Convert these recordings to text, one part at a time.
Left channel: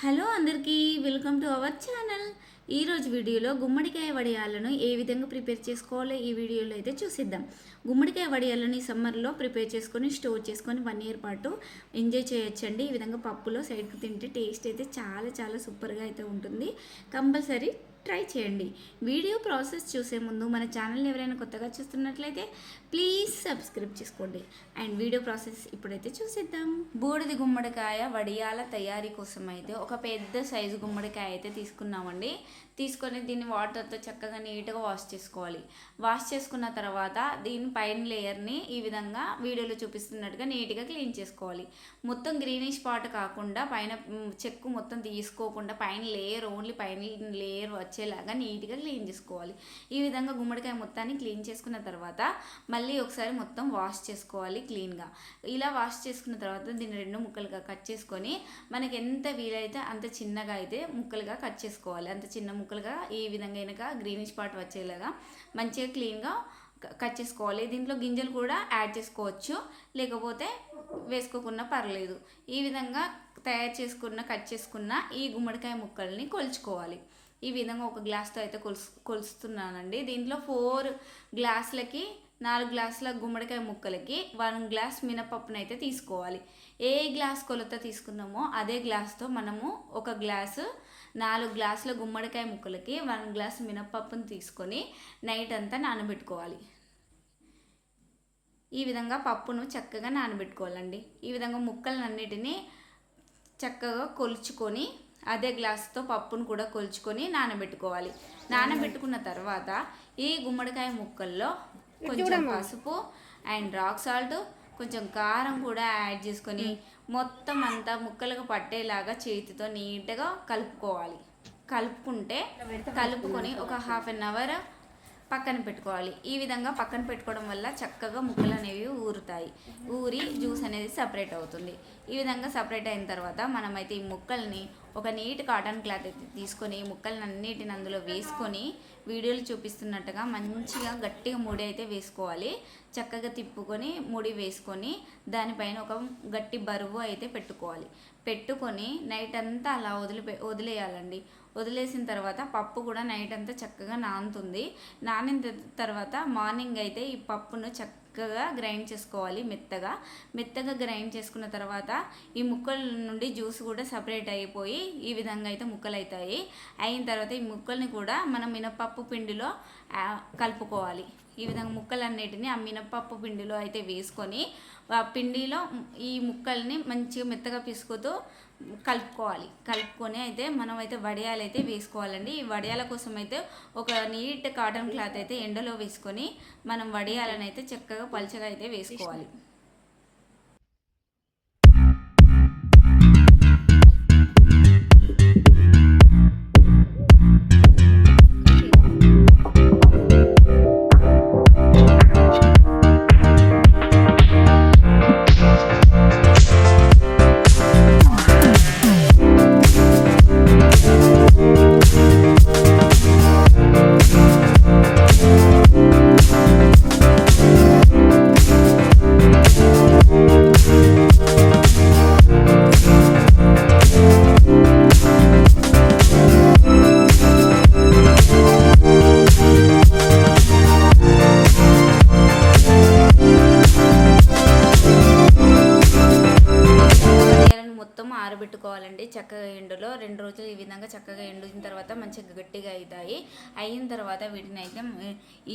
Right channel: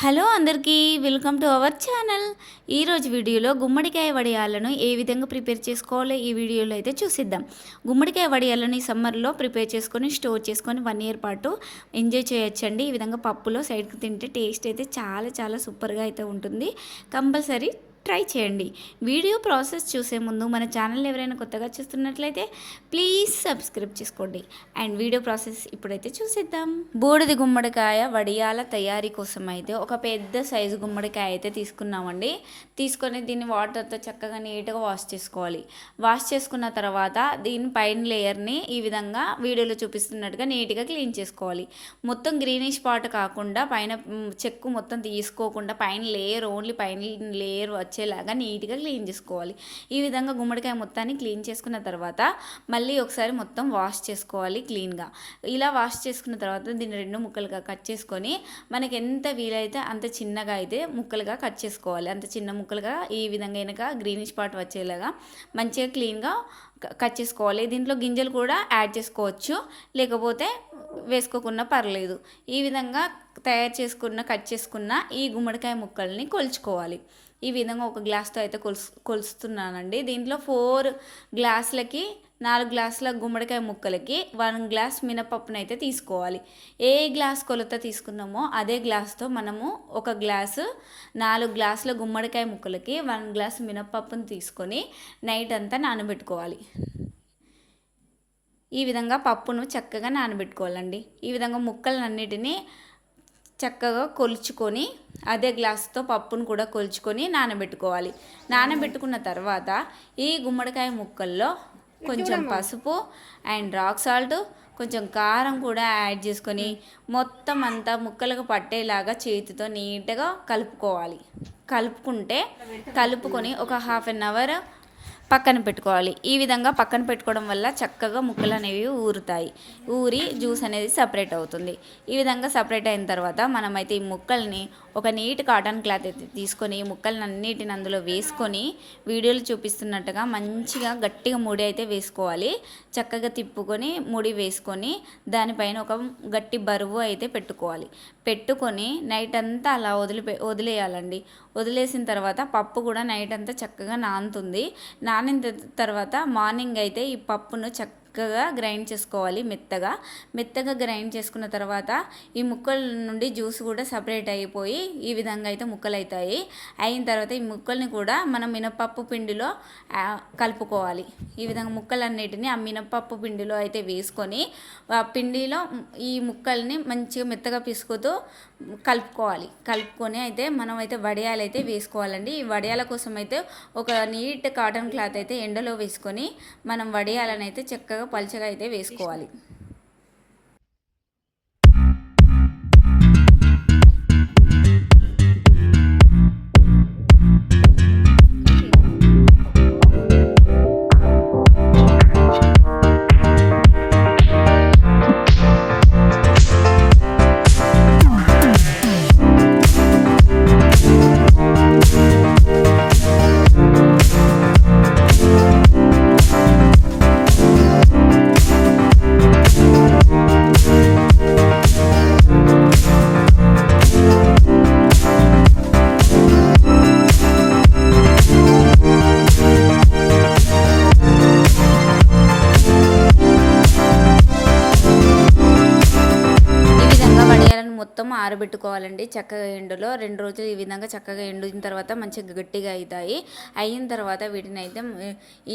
Hello అందరికీ welcome to our channel. ఈరోజు వీడియోలో గుమ్మడికాయ వడియాలను ఏ విధంగా ప్రిపేర్ చేసుకోవాలో ఈ వీడియోలో అయితే చూసిద్దాం. గుమ్మడికాయ వడియాలను ఈ సమ్మర్లో ప్రిపేర్ చేసుకొని స్టోర్ చేసుకొని 1 ఇయర్ పాటు ఎంజాయ్ చేయొచ్చండి. ఈ విధంగా పప్పులో సైడ్కి తింటే టేస్ట్ అయితే చాలా చాలా సూపర్గా అయితే ఉంటుంది. కంపల్సరీ ట్రై చేయండి. వీడియో ప్రాసెస్ చూసే ముందు మన ఛానల్ ఎవరైనా కొత్తగా చూస్తున్నట్లయితే ప్లీజ్ సబ్స్క్రైబ్ చేసుకోండి. అండ్ వీడియో ప్రాసెస్ ఇప్పుడైతే చూసేద్దాం. బూడిద గుమ్మడికాయ వడియాల తయారీ కోసం అయితే ఒక పెద్ద సైజు గుమ్మడికాయ అయితే తీసుకున్నామండి. తీసుకొని దీన్ని వాటర్తో చక్కగా నీట్గా వాష్ చేసుకోవాలి. వాష్ చేసుకున్న తర్వాత దీని పైన లేయర్ని ఈ విధంగా వీడియోలో చూపిస్తున్నట్టుగా నీట్గా క్లీన్ చేసుకోవాలి. మొత్తం గ్రీనిష్ పార్ట్ కాకుండా పైన చెక్కు మొత్తం తీసుకోకుండా పైన లేయర్ ఓన్లీ పైన లేయర్ వచ్చేలాగా నీట్గా క్లీన్ చేసుకోవాలి. ఈ విధంగా గుమ్మడికాయ మొత్తాన్ని క్లీన్ చేసుకున్న తర్వాత మళ్ళీ ఒకసారి మొత్తం వాష్ చేసుకోవాలి క్లీన్గా. ఇలా వాష్ చేసుకున్న తర్వాత దీన్ని 2 ముక్కలుగా కట్ చేసుకొని మనకి ఎంత వీలైతే అంత చిన్నగా అయితే ముక్కలుగా కట్ చేసుకోవాలి. అంత చిన్న ముక్కలుగా ఈ విధంగా వెనక గ్రీనిష్ పార్ట్ వచ్చేలాగా మంచిగా క్లీన్గా కట్ చేసుకోవాలి. దీంట్లో గింజలు కూడా యాడ్ చేసుకోవచ్చు, లేకపోతే వేసుకోకుండా పర్లేదు. ఈ విధంగా కట్ చేసుకున్న ఈ గుమ్మడికాయ ముక్కల్ని కొలుచుకోవాలి. ఈ విధంగా ఒక గ్లాస్తో అయితే కొలుస్తున్నానండి. దీంట్లో 4 గ్లాసులకి 4 గ్లాసుల గుమ్మడికాయ ముక్కలకి 1 గ్లాస్ మినపప్పును అయితే తీసుకోవాలి. ఏ గ్లాస్ కొలత తీసుకున్నామో అదే గ్లాస్తో మనము 1 గ్లాసు 4 గ్లాసుల గుమ్మడికాయ ముక్కలకి 1 గ్లాస్ మినపప్పును తీసుకొని నైట్ అంతా నానబెట్టుకోవాలి. ఈ విధంగా పప్పును చక్కగా నానబెట్టుకోవాలండి. ఈ విధంగా ముక్కలన్నిటినీ చక్కగా కొలుచుకొని అదే గ్లాస్తో పప్పును కూడా కొలుచుకొని నానబెట్టుకోవాలి. నానబెట్టుకున్న తర్వాత ఈ గుమ్మడికాయ ముక్కల్లో కొంచెం పసుపు అండ్ రాక్ సాల్ట్, కొంచెం కారం కూడా యాడ్ చేసుకొని మొత్తం అంతా ముక్కలకు పట్టేలాగా చేతితో నీట్గా కలుపుకోవాలి. కలుపుకొని ఒక 1/2 అవర్ పక్కన పెట్టుకోవాలి. ఈ విధంగా పక్కన పెట్టుకోవడం వల్ల చక్కగా ముక్కలు అనేవి ఊరి జ్యూస్ అనేది సపరేట్ అవుతుంది. ఈ విధంగా సపరేట్ అయిన తర్వాత మనమైతే ఈ ముక్కల్ని ఒక నీట్ కాటన్ క్లాత్ అయితే తీసుకొని ముక్కలన్నిటిని అందులో వేసుకొని వీడియోలు చూపిస్తున్నట్టుగా మంచిగా గట్టిగా ముడి అయితే వేసుకోవాలి. చక్కగా తిప్పుకొని ముడి వేసుకొని దానిపైన ఒక గట్టి బరువు అయితే పెట్టుకొని నైట్ అంతా అలా వదిలేయాలండి. వదిలేసిన తర్వాత పప్పు కూడా నైట్ అంతా చక్కగా నానుతుంది. నానిన తర్వాత మార్నింగ్ అయితే ఈ పప్పును చక్కగా గ్రైండ్ చేసుకోవాలి. మెత్తగా గ్రైండ్ చేసుకున్న తర్వాత ఈ ముక్కల నుండి జ్యూస్ కూడా సపరేట్ అయిపోయి ఈ విధంగా అయితే ముక్కలు అవుతాయి. అయిన తర్వాత ఈ ముక్కల్ని కూడా మనం మినపప్పు పిండిలో కలుపుకోవాలి. ఈ విధంగా ముక్కలన్నిటిని ఆ మినపప్పు పిండిలో అయితే వేసుకొని ఆ పిండిలో ఈ ముక్కల్ని మంచిగా మెత్తగా పిసుకుతూ కలుపుకొని అయితే మనం అయితే వడియాలు అయితే వేసుకోవాలండి. ఈ వడియాల కోసం అయితే ఒక నీట్ కాటన్ క్లాత్ అయితే ఎండలో వేసుకొని మనం వడియాలను అయితే చక్కగా పలుచగా అయితే వేసుకోవాలి. మొత్తం ఆరబెట్టుకోవాలండి చక్కగా ఎండలో 2 రోజులు. ఈ విధంగా చక్కగా ఎండిన తర్వాత మంచిగా గట్టిగా అవుతాయి. అయిన తర్వాత వీటిని అయితే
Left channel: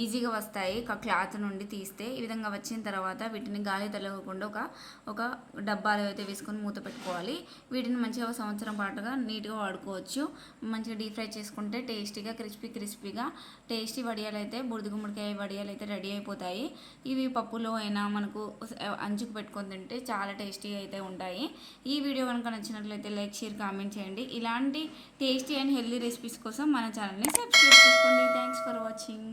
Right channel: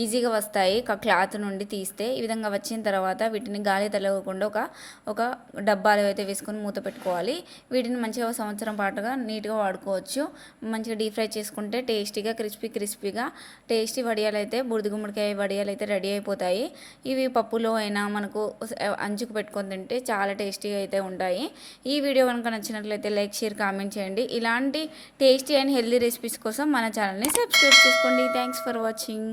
ఈజీగా వస్తాయి క్లాత్ నుండి తీస్తే. ఈ విధంగా వచ్చిన తర్వాత వీటిని గాలి తగలకుండా ఒక డబ్బాలో అయితే వేసుకొని మూత పెట్టుకోవాలి. వీటిని మంచిగా 1 సంవత్సరం పాటుగా నీట్గా వాడుకోవచ్చు. మంచిగా డీప్ ఫ్రై చేసుకుంటే టేస్టీగా క్రిస్పీగా టేస్టీ వడియాలు అయితే బూడిద గుమ్మడికాయ వడియాలు అయితే రెడీ అయిపోతాయి. ఇవి పప్పులో అయినా మనకు అంచుకు పెట్టుకొని తింటే చాలా టేస్టీగా అయితే ఉంటాయి. ఈ వీడియో కనుక నచ్చినట్లయితే లైక్, షేర్, కామెంట్ చేయండి. ఇలాంటి టేస్టీ అండ్ హెల్దీ రెసిపీస్ కోసం మన ఛానల్ని సబ్స్క్రైబ్ చేసుకోండి. Thanks for watching.